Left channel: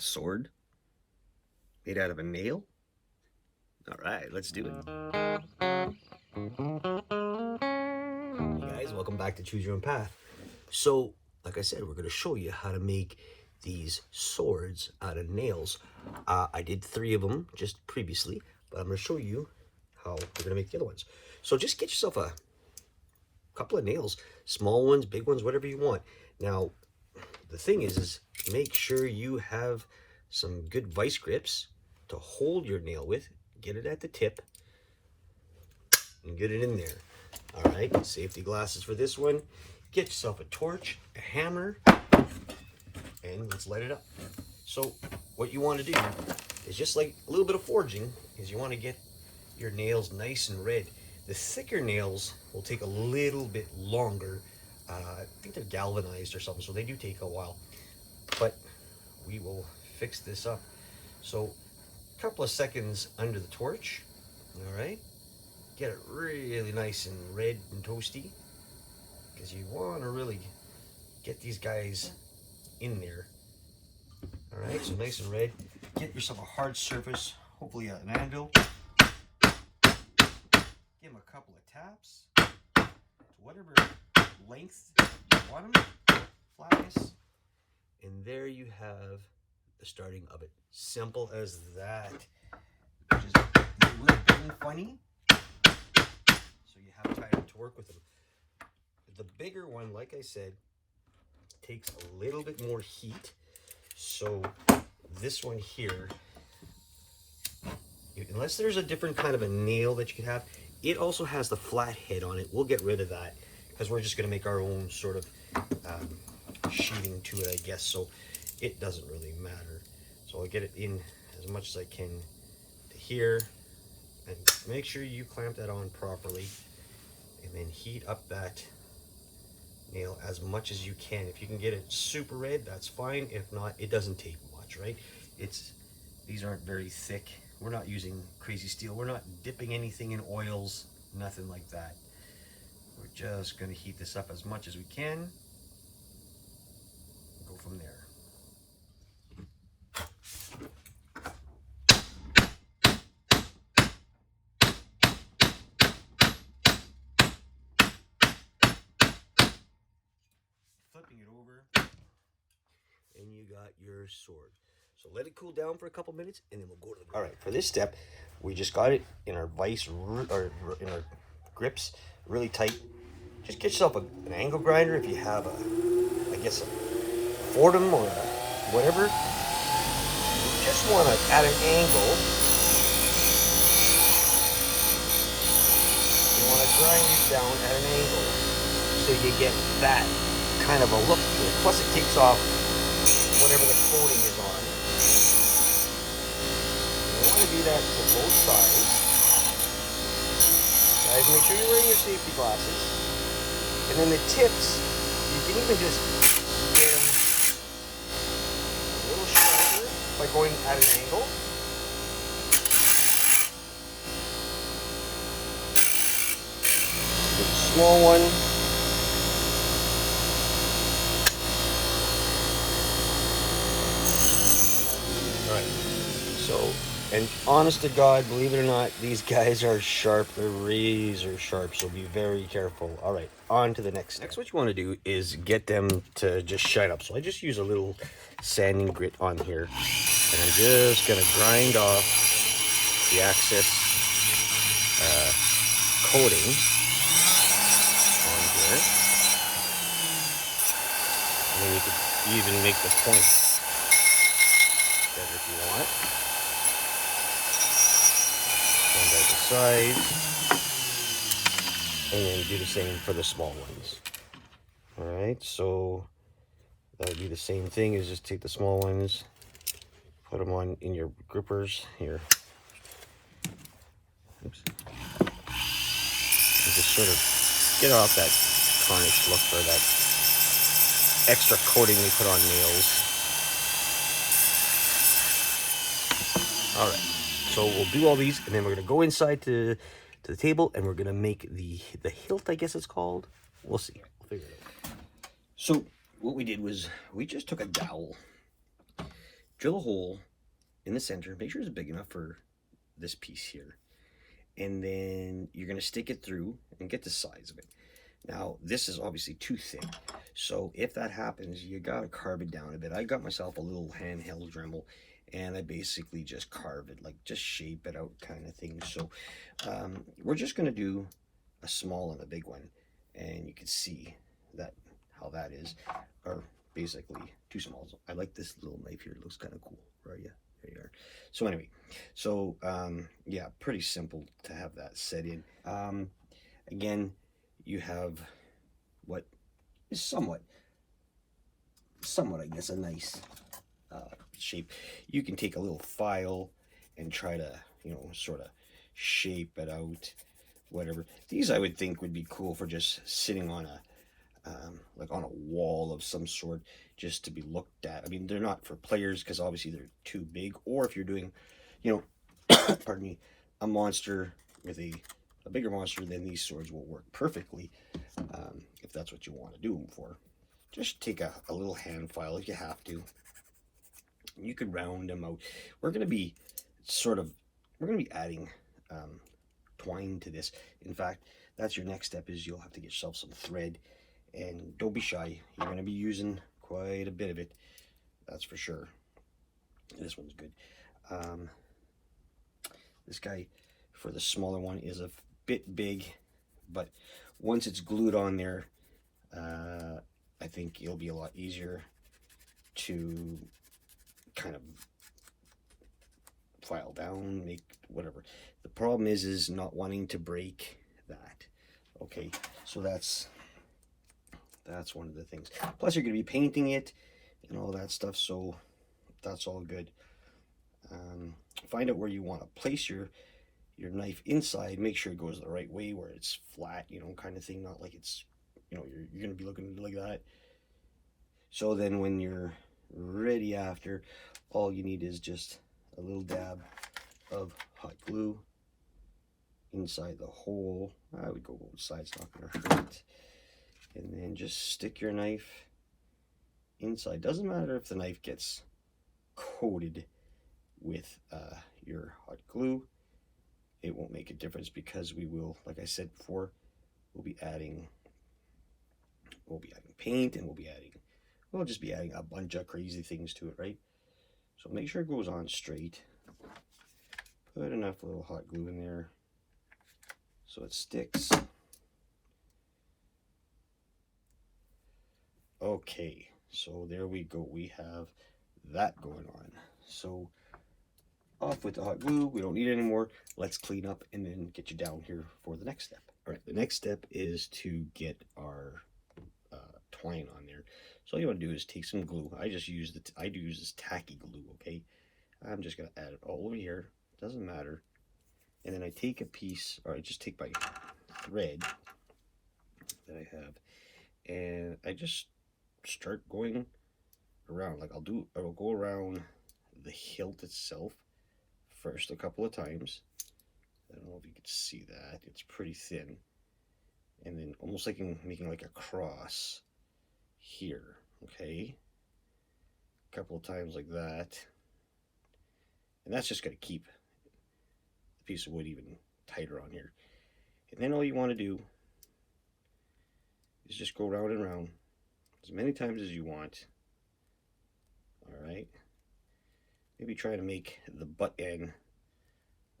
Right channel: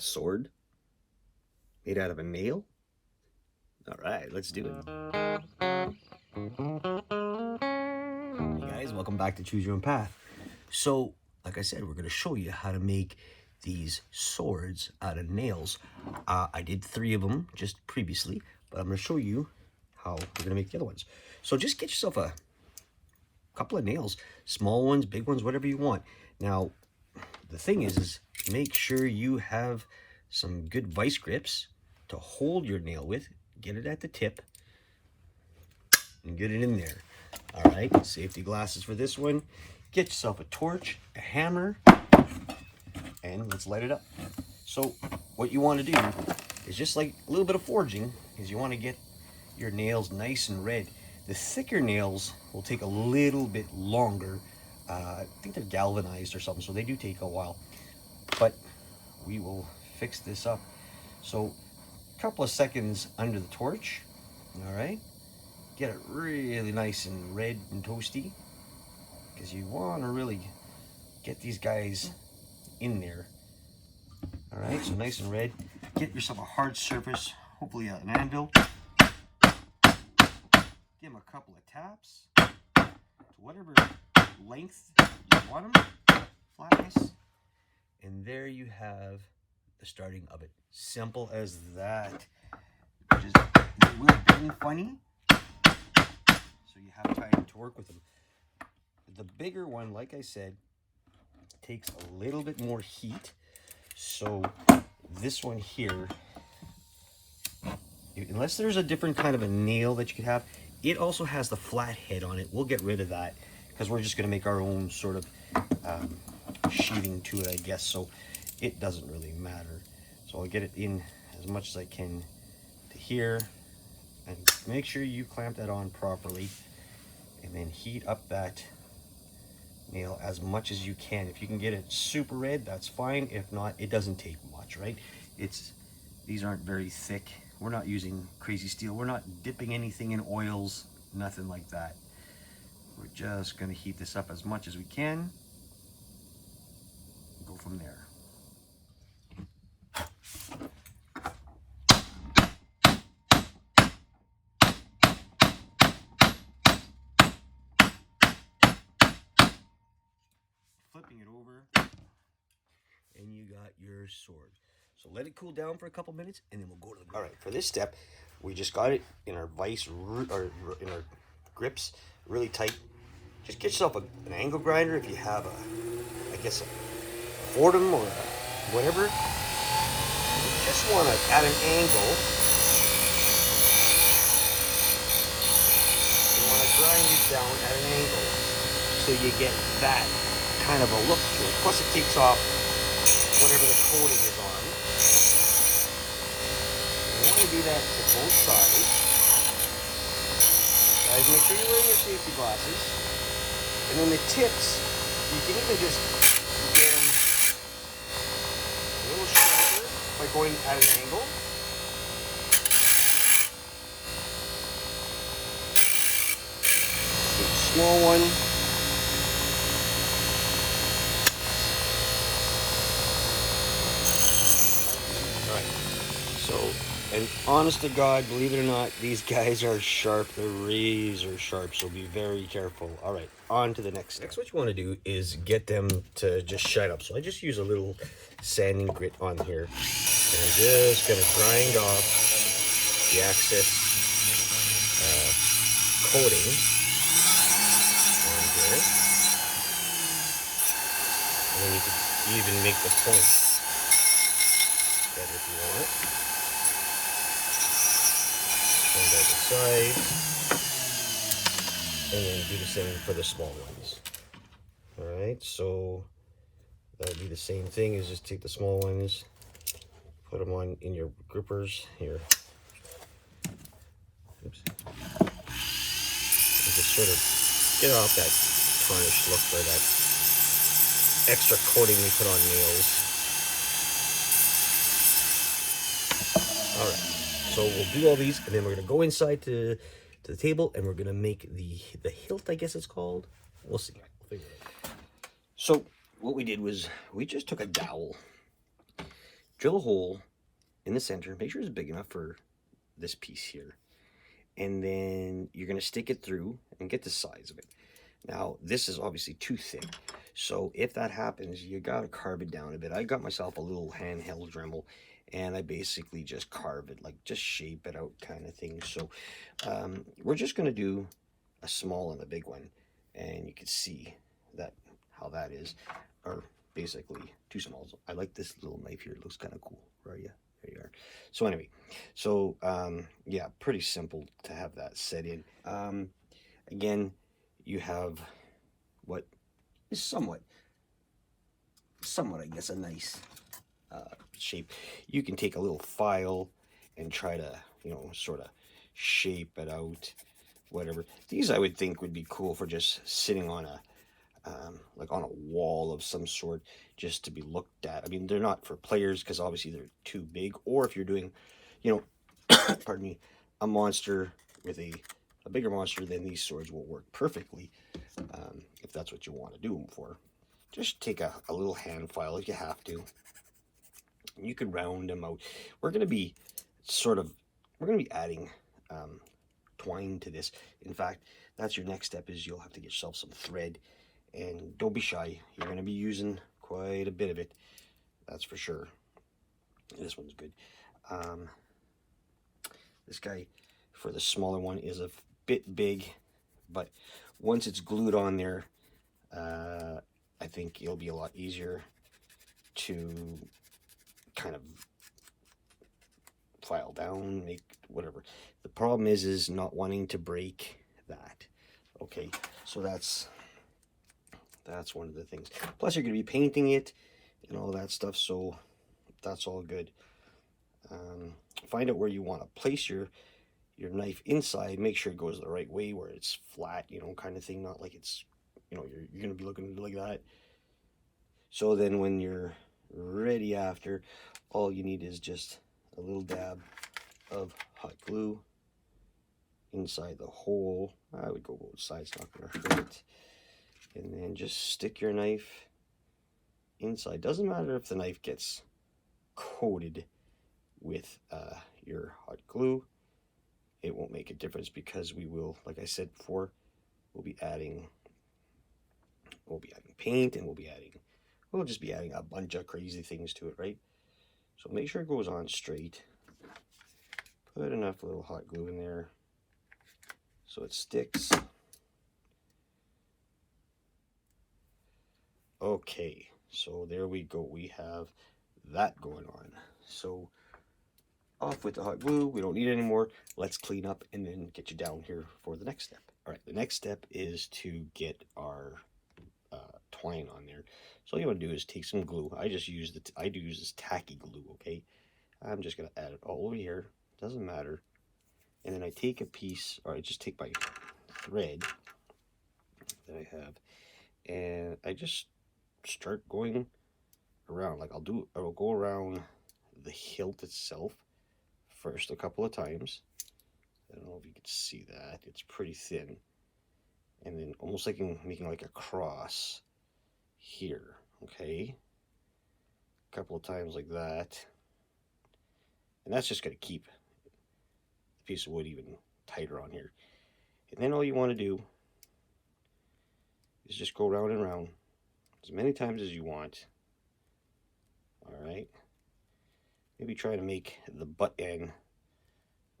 A sword made out of a nail? All right, let's do it. Hey guys, welcome back to Choose Your Own Path. So, like I said, we're going to show you how to make these swords out of nails. I did 3 of them just previously, but I'm going to show you how we're going to make the other ones. So just get yourself a couple of nails, small ones, big ones, whatever you want. Now, the thing is make sure you have some good vice grips to hold your nail with. Get it at the tip and get it in there. All right, safety glasses for this one. Get yourself a torch, a hammer, and let's light it up. So what you want to do is just like a little bit of forging, is you want to get your nails nice and red. The thicker nails will take a little bit longer. I think they're galvanized or something, so they do take a while. But we will fix this up. So a couple of seconds under the torch, all right? Get it really nice and red and toasty, because you want to really get these guys in there. All right, so nice and red. Get yourself a hard surface, hopefully an anvil. Give them a couple of taps to whatever length you want them, flatness. And there you have the starting of it. Simple as that. Which is a little bend funny, so you have time to work with them. The bigger one, like I said, takes a little bit more heat. So this one here, unless there's a different kind of a nail that you could have, it also has the flat head on it. We'll get rid of that because we're just going to make our own sort of sheathing to it, I guess. So it doesn't really matter. So I'll get it in as much as I can to here, and make sure you clamp that on properly, and then heat up that nail as much as you can. If you can get it super red, that's fine. If not, it doesn't take much, right? These aren't very thick. We're not using crazy steel. We're not dipping anything in oils, nothing like that. We're just going to heat this up as much as we can and go from there. Flipping it over, and you got your sword. So let it cool down for a couple minutes, and then we'll go to the... All right, for this step, we just got it in our vice, or in our grips, really tight. Just get yourself an angle grinder if you have a, I guess, a Fordham or whatever. You just want to, at an angle, you want to grind it down at an angle so you get that kind of a look to it. Plus it takes off whatever the coating is on. You want to do that to both sides. Guys, make sure you're wearing your safety glasses. And then the tips, you can even just get them a little sharper by going at an angle. The small one. So, and honest to God, believe it or not, these guys are sharp. They're razor sharp, so be very careful. All right, on to the next step. Next, what you want to do is get them to just shine up. So I just use a little sanding grit on here, and I'm just going to grind off the excess coating on here. And then you could even make the point better if you want. On the other side, and then do the same for the small ones. All right, so that would be the same thing, is just take the small ones, put them on in your grippers here. Oops. And just sort of get off that tarnished look or that extra coating they put on nails. All right. So we'll do all these, and then we're going to go inside to the table, and we're going to make the hilt, I guess it's called. We'll see. We'll figure it out. So what we did was we just took a dowel, drill a hole in the center. Make sure it's big enough for this piece here. And then you're going to stick it through and get the size of it. Now, this is obviously too thick. So if that happens, you got to carve it down a bit. I got myself a little handheld Dremel, and I basically just carve it, like just shape it out kind of thing. So we're just going to do a small and a big one. And you can see that how that is, or basically two smalls. I like this little knife here. It looks kind of cool, right? Yeah, there you are. So anyway, so yeah, pretty simple to have that set in. Again, you have what is somewhat, I guess, a nice shape. You can take a little file and try to, you know, sort of shape it out, whatever. These I would think would be cool for just sitting on a like on a wall of some sort, just to be looked at. I mean, they're not for players because obviously they're too big, or if you're doing, you know, pardon me, a monster with a bigger monster, then these swords will work perfectly if that's what you want to do them for. Just take a little hand file if you have to. You can round them out. We're going to be adding twine to this. In fact, that's your next step, is you'll have to get yourself some thread, and don't be shy. You're going to be using quite a bit of it, that's for sure. This one's good. This guy for the smaller one is a bit big, but once it's glued on there, I think it'll be a lot easier to kind of file down, make whatever. The problem is not wanting to break that. Okay, so that's one of the things. Plus you're going to be painting it and all that stuff, so that's all good. Find out where you want to place your knife inside. Make sure it goes the right way, where it's flat, you know, kind of thing, not like it's, you know, you're going to be looking like that. So then when you're ready after, all you need is just a little dab of hot glue inside the hole. I would go both sides, not gonna hurt. And then just stick your knife inside. Doesn't matter if the knife gets coated with your hot glue. It won't make a difference, because we will, like I said before, we'll be adding paint, and we'll just be adding a bunch of crazy things to it, right? So make sure it goes on straight. Put enough little hot glue in there so it sticks. Okay, so there we go. We have that going on. So off with the hot glue. We don't need it anymore. Let's clean up and then get you down here for the next step. All right, the next step is to get our twine on there. So all you want to do is take some glue. I do use this tacky glue, okay? I'm just going to add it all over here. Doesn't matter. And then I take a piece, or I just take my thread that I have, and I just start going around. Like I'll go around the hilt itself first a couple of times. I don't know if you can see that. It's pretty thin. And then almost like making like a cross here, okay? A couple of times like that. And that's just going to keep the piece of wood even tighter on here. And then all you want to do is just go round and round as many times as you want. All right. Maybe try to make the butt end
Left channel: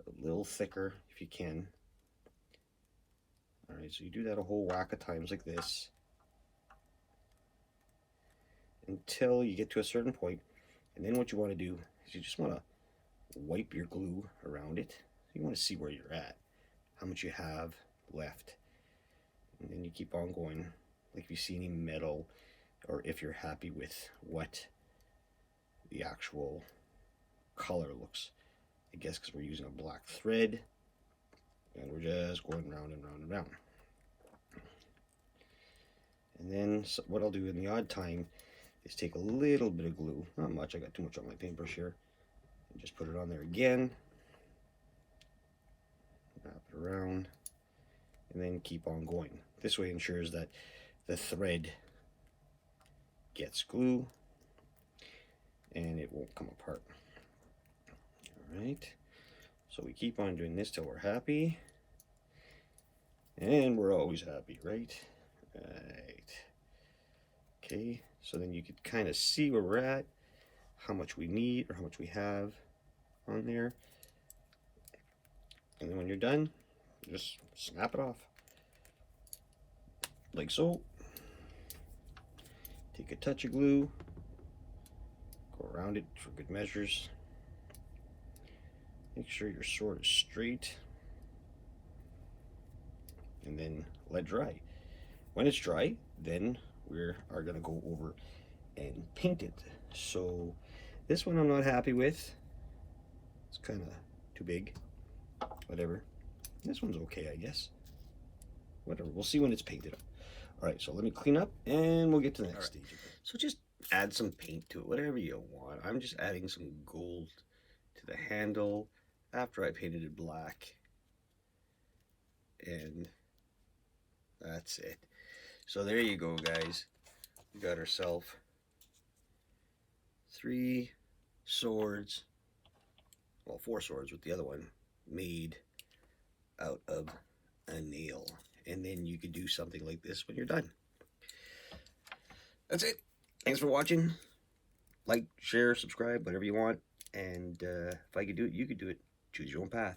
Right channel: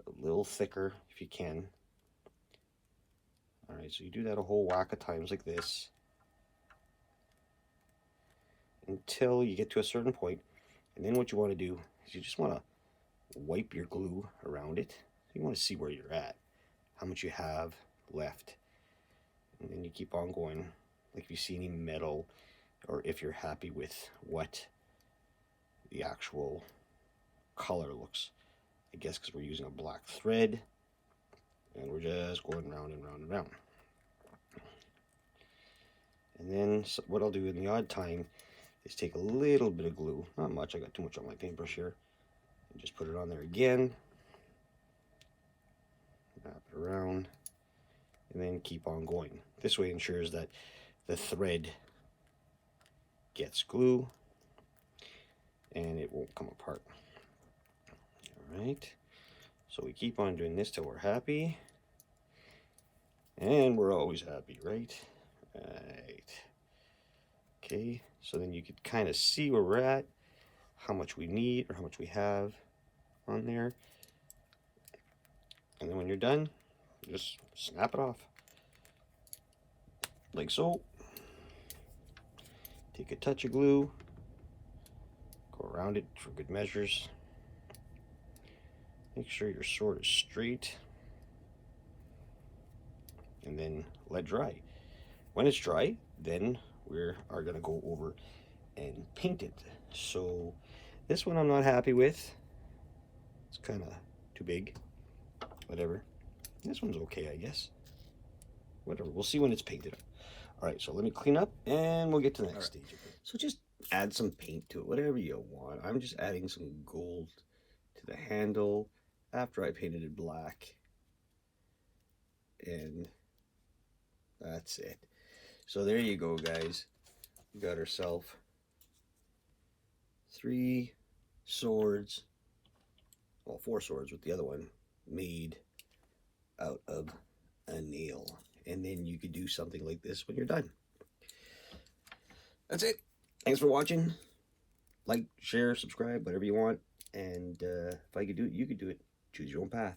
a little thicker if you can. All right, so you do that a whole whack of times like this until you get to a certain point. And then what you want to do is you just want to wipe your glue around it. You want to see where you're at, how much you have left. And then you keep on going. Like if you see any metal, or if you're happy with what the actual color looks, I guess, because we're using a black thread, and we're just going round and round and round. And then what I'll do in the odd time is take a little bit of glue, not much, I got too much on my paintbrush here, and just put it on there again, wrap it around, and then keep on going. This way ensures that the thread gets glue, and it won't come apart. All right, so we keep on doing this till we're happy, and we're always happy, right? Right. Okay, so then you could kind of see where we're at, how much we need or how much we have on there. And then when you're done, just snap it off. Like so. Take a touch of glue, go around it for good measures. Make sure your sword is straight. And then let dry. When it's dry, then we are going to go over and paint it. So this one I'm not happy with. It's kind of too big. Whatever. This one's okay, I guess. Whatever. We'll see when it's painted. All right, so let me clean up and we'll get to the next stage. So just add some paint to it, whatever you want. I'm just adding some gold to the handle after I painted it black. And that's it. So there you go, guys. We got ourselves 3 swords, well, 4 swords with the other one, made out of a nail. And then you could do something like this when you're done. That's it. Thanks for watching. Like, share, subscribe, whatever you want. And if I could do it, you could do it. Choose your own path.